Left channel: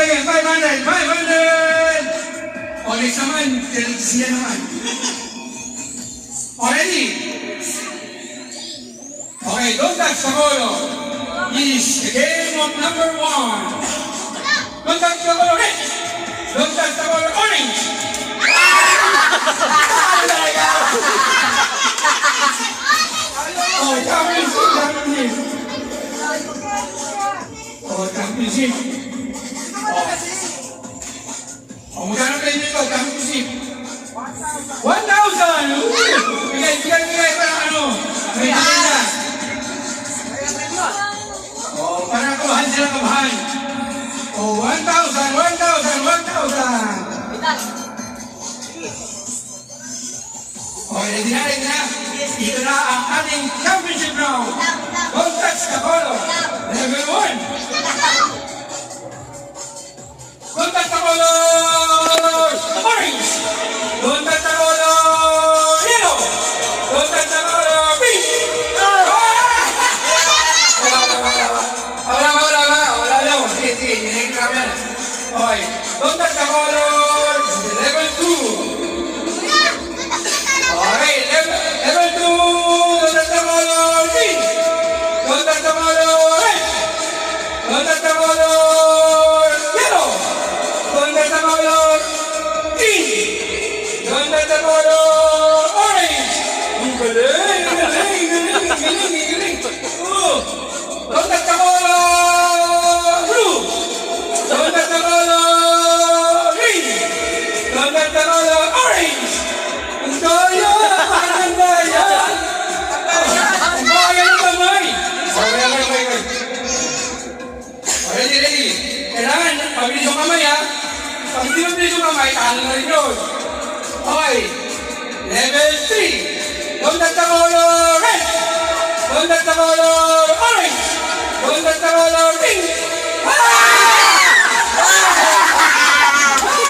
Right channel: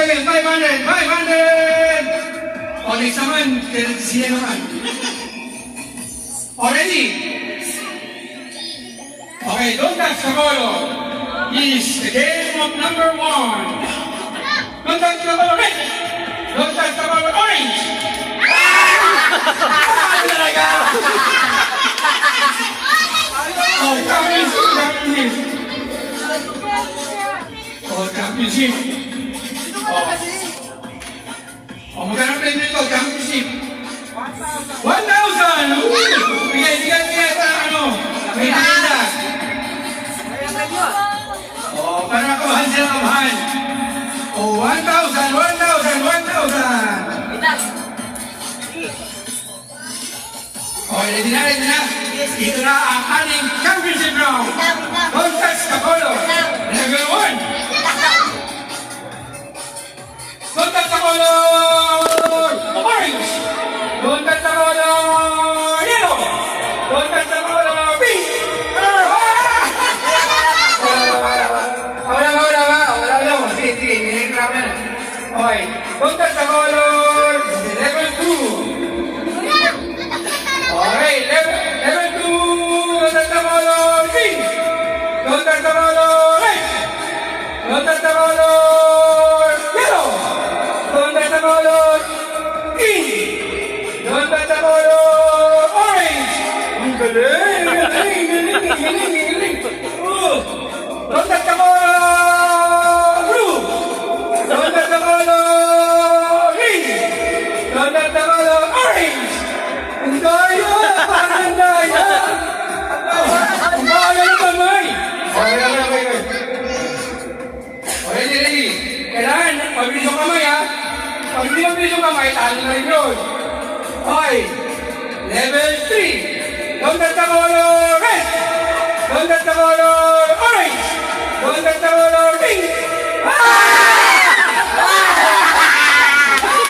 again. 500. 500. O, next naman. Sila naman. Already? Okay, don't touch the color. Is the game of number 1. Don't touch the color red. Don't touch the color orange. Oh, championship. Oh, championship. Oh, magkano kayo nito? Championship. 1,000! Bigay para ano? May bigay. Oh, para kumahan sila kumahan. Oh, 1,000! Okay, ready na. Ito na ang ating championship round. Don't touch the color. Level 1. Don't touch the color orange. Don't touch the color yellow. Don't touch the color pink. Wala. Sige. Hinahingrap yan. Okay. Don't touch the color level 2. Okay, level 2, don't touch the color pink. Don't touch the color red. Don't touch the color yellow. Don't touch the color pink. Don't touch the color orange. Ang galing. Don't touch the color blue. Don't touch the color green. Don't touch the color orange. Ang daya! Ang daya! Ang bagay ng kamay! Okay. Ready. Kailangan, pabilis yung kamay ha. Pag hindi mabilis yung kamay, talo na rin yun. Okay. Level 3. Don't touch the color red. Don't touch the color orange. Don't touch the color